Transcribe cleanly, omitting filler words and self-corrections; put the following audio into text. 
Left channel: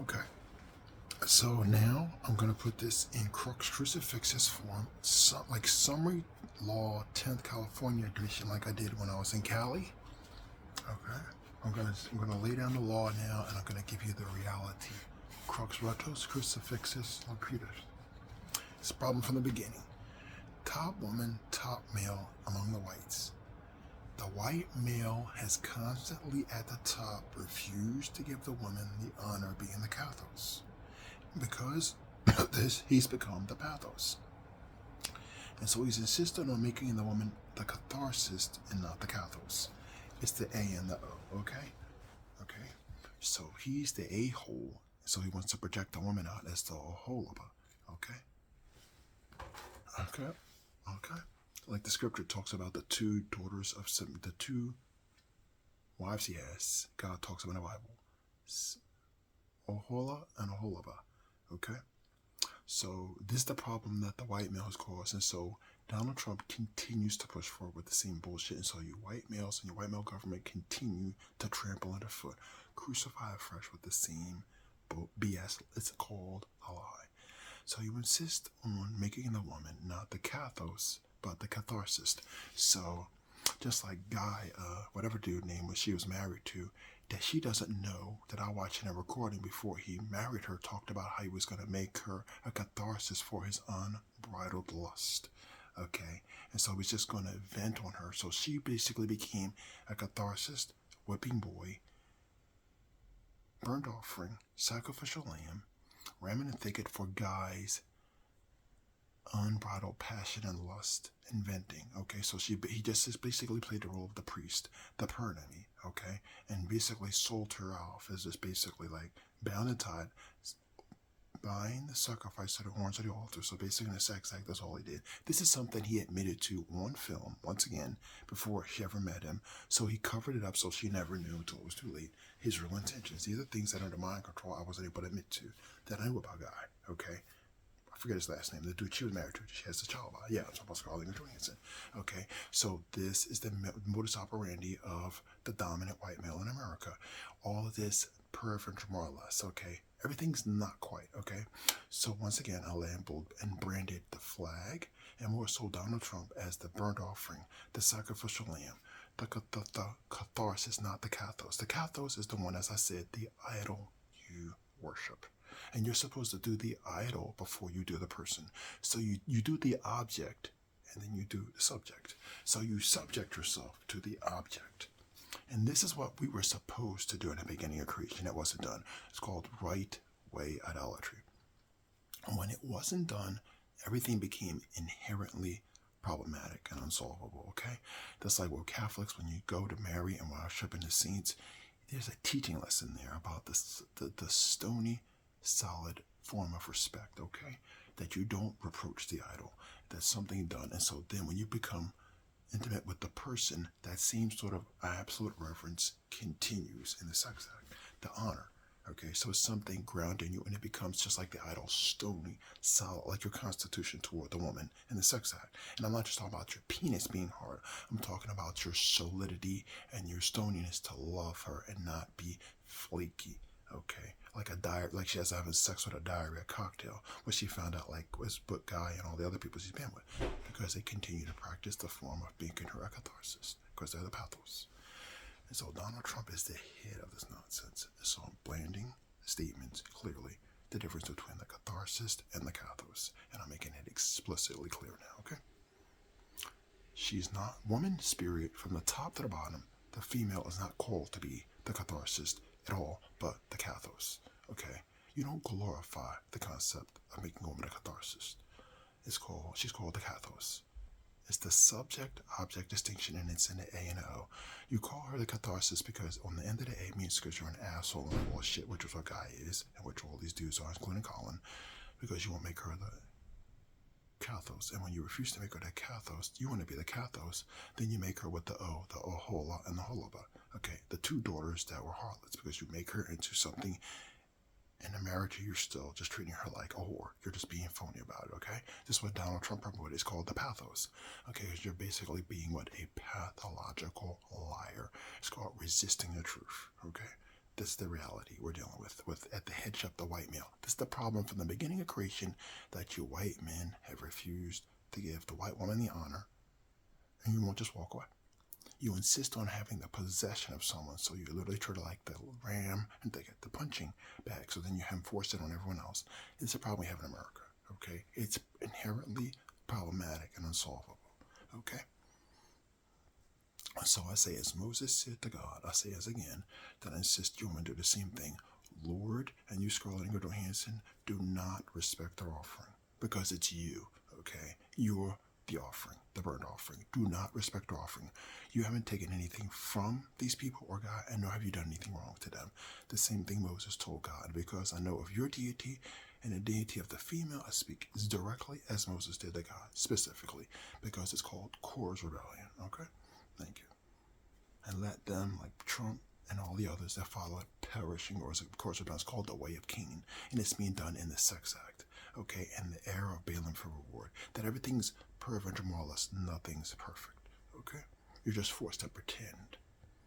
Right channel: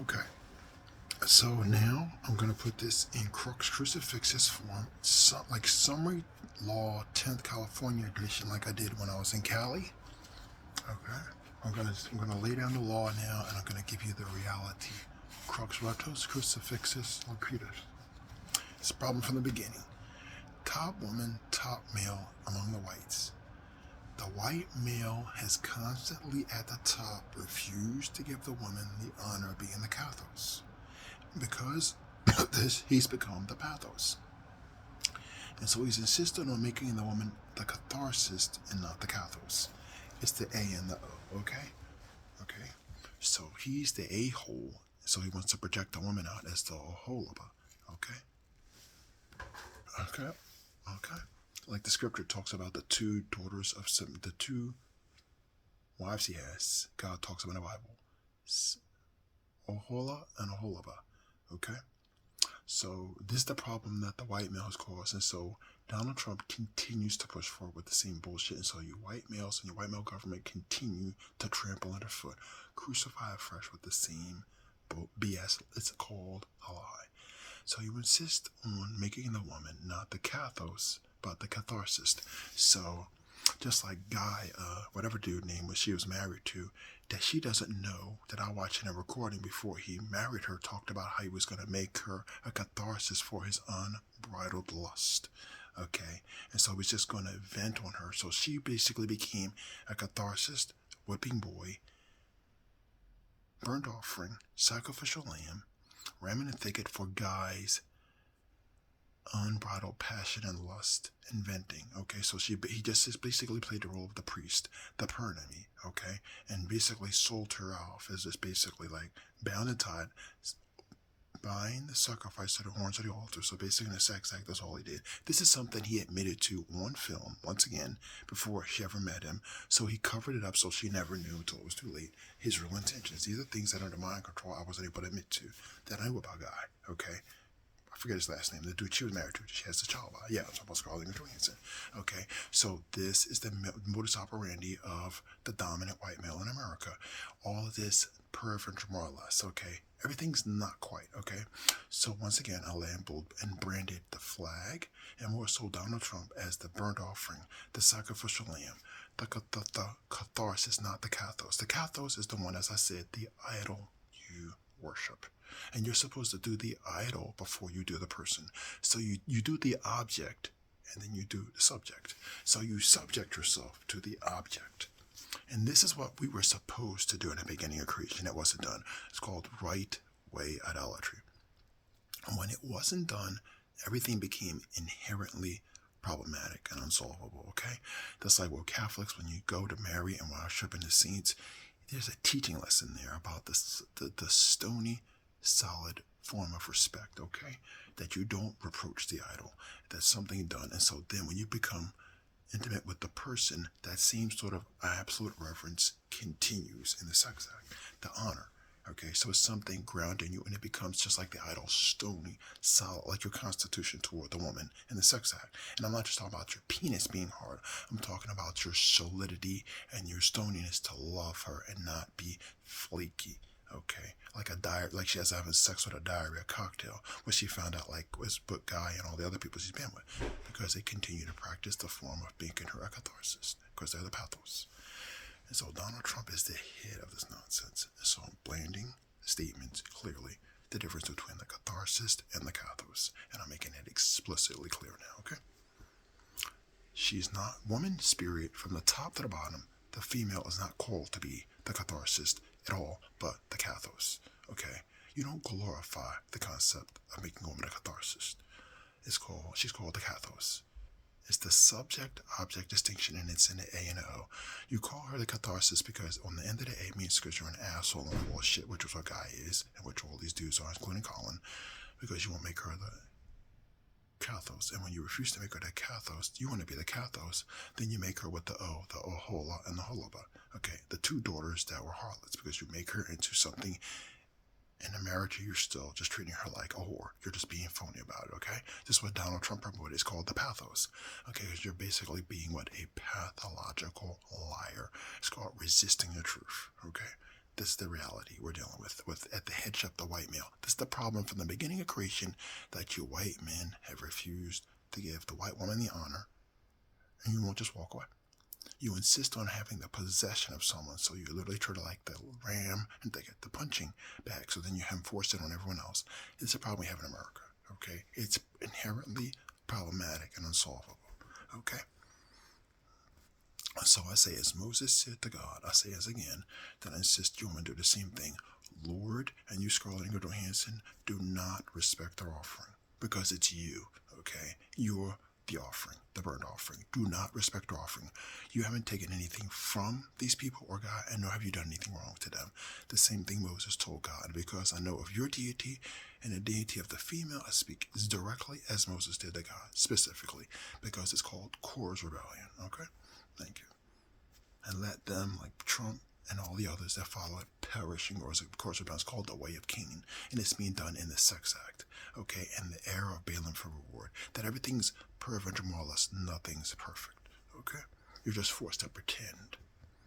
Okay. So now I'm going to put this in Crux Crucifixus form, like Summary Law 10th California edition, like I did when I was in Cali. Okay. I'm gonna lay down the law now, and I'm gonna give you the reality. Crux Rectus Crucifixus Locutus. It's a problem from the beginning. Top woman, top male among the whites. The white male has constantly at the top refused to give the woman the honor of being the Cathos. Because of this, he's become the Pathos. And so he's insistent on making the woman the catharsis and not the Cathos. It's the A and the O, okay? Okay? So he's the a-hole, so he wants to project the woman out as the holaba, okay? Okay? Okay? Like the scripture talks about the two daughters of the two wives he has. God talks about in the Bible. Ohola and Oholaba, okay? So this is the problem that the white male has caused, and so Donald Trump continues to push forward with the same bullshit, and so you white males and your white male government continue to trample underfoot, crucify afresh with the same BS. It's called a lie. So you insist on making the woman not the Cathos, but the catharsis. So just like Guy, whatever dude name was she was married to, that she doesn't know that I watched in a recording before he married her talked about how he was going to make her a catharsis for his unbridled lust. Okay, and so he was just going to vent on her. So she basically became a catharsis, whipping boy, burnt offering, sacrificial lamb, ram in the thicket for Guy's unbridled passion and lust and venting. Okay, so he just basically played the role of the priest, the pernemy, okay, and basically sold her off as just basically like bound and tied, buying the sacrifice to the horns of the altar. So basically in a sex act, that's all he did. This is something he admitted to on film, once again, before she ever met him. So he covered it up so she never knew until it was too late his real intentions. These are things that under mind control I wasn't able to admit to, that I knew about Guy, okay? I forget his last name. The dude she was married to, she has a child by. Yeah, I'm talking about Scarlett Johansson. Okay, so this is the modus operandi of the dominant white male in America. All of this perfect, more or less. Okay, everything's not quite. Okay, so once again, I labeled and branded the flag, and more so Donald Trump as the burnt offering, the sacrificial lamb. The catharsis, not the cathos. The cathos is the one, as I said, the idol you worship. And you're supposed to do the idol before you do the person. So you do the object and then you do the subject. So you subject yourself to the object. And this is what we were supposed to do in the beginning of creation. It wasn't done. It's called right way idolatry. And when it wasn't done, everything became inherently problematic and unsolvable, okay? That's like with Catholics, when you go to Mary and worship in the saints, there's a teaching lesson there about the stony, solid form of respect, okay? That you don't reproach the idol. That's something done. And so then when you become intimate with the person, that same sort of absolute reverence continues in the sex act. The honor. Okay, so it's something grounding you, and it becomes just like the idol, stony, solid, like your constitution toward the woman in the sex act. And I'm not just talking about your penis being hard. I'm talking about your solidity and your stoniness to love her and not be flaky. Okay, like a diet, like she has having sex with a diarrhea cocktail, which she found out like was Book Guy and all the other people she's been with, because they continue to practice the form of making her a catharsis, because they're the pathos. And so Donald Trump is the head of this nonsense. So I'm blending statements clearly, the difference between the catharsis and the cathos, and I'm making it explicitly clear now, okay? She's not woman spirit from the top to the bottom. The female is not called to be the catharsis at all, but the cathos, okay? You don't glorify the concept of making a woman a catharsis. She's called the cathos. It's the subject-object distinction, and it's in the A and the O. You call her the catharsis because on the end of the A means because you're an asshole and full of shit, which is what Guy is, and which all these dudes are, including Colin, because you won't make her the cathos. And when you refuse to make her the cathos, you want to be the cathos, then you make her with the O, the Ohola and the Holaba. Okay, the two daughters that were harlots, because you make her into something. In America, you're still just treating her like a whore. You're just being phony about it, okay? This is what Donald Trump promoted. It's called the pathos, okay? Because you're basically being what? A pathological liar. It's called resisting the truth, okay? This is the reality we're dealing with at the headship, the white male. This is the problem from the beginning of creation, that you white men have refused to give the white woman the honor, and you won't just walk away. You insist on having the possession of someone, so you literally try to like the ram and they get the punching bag, so then you have forced it on everyone else. It's a problem we have in America, okay? It's inherently problematic and unsolvable, okay? So I say, as Moses said to God, I say as again, that I insist you women do the same thing. Lord, and you, Scarlett and Goodall Hanson, do not respect their offering, because it's you, okay? You're the offering, the burnt offering. Do not respect their offering. You haven't taken anything from these people or God, and nor have you done anything wrong to them. The same thing Moses told God, because I know of your deity and the deity of the female. I speak as directly as Moses did to God, specifically, because it's called Korah's rebellion, okay? Thank you. And let them, like Trump and all the others that follow it, perishing, or as of course it's called the way of Cain, and it's being done in the sex act, okay, and the era of Balaam for reward, that everything's perfect and more or less nothing's perfect, okay? You're just forced to pretend,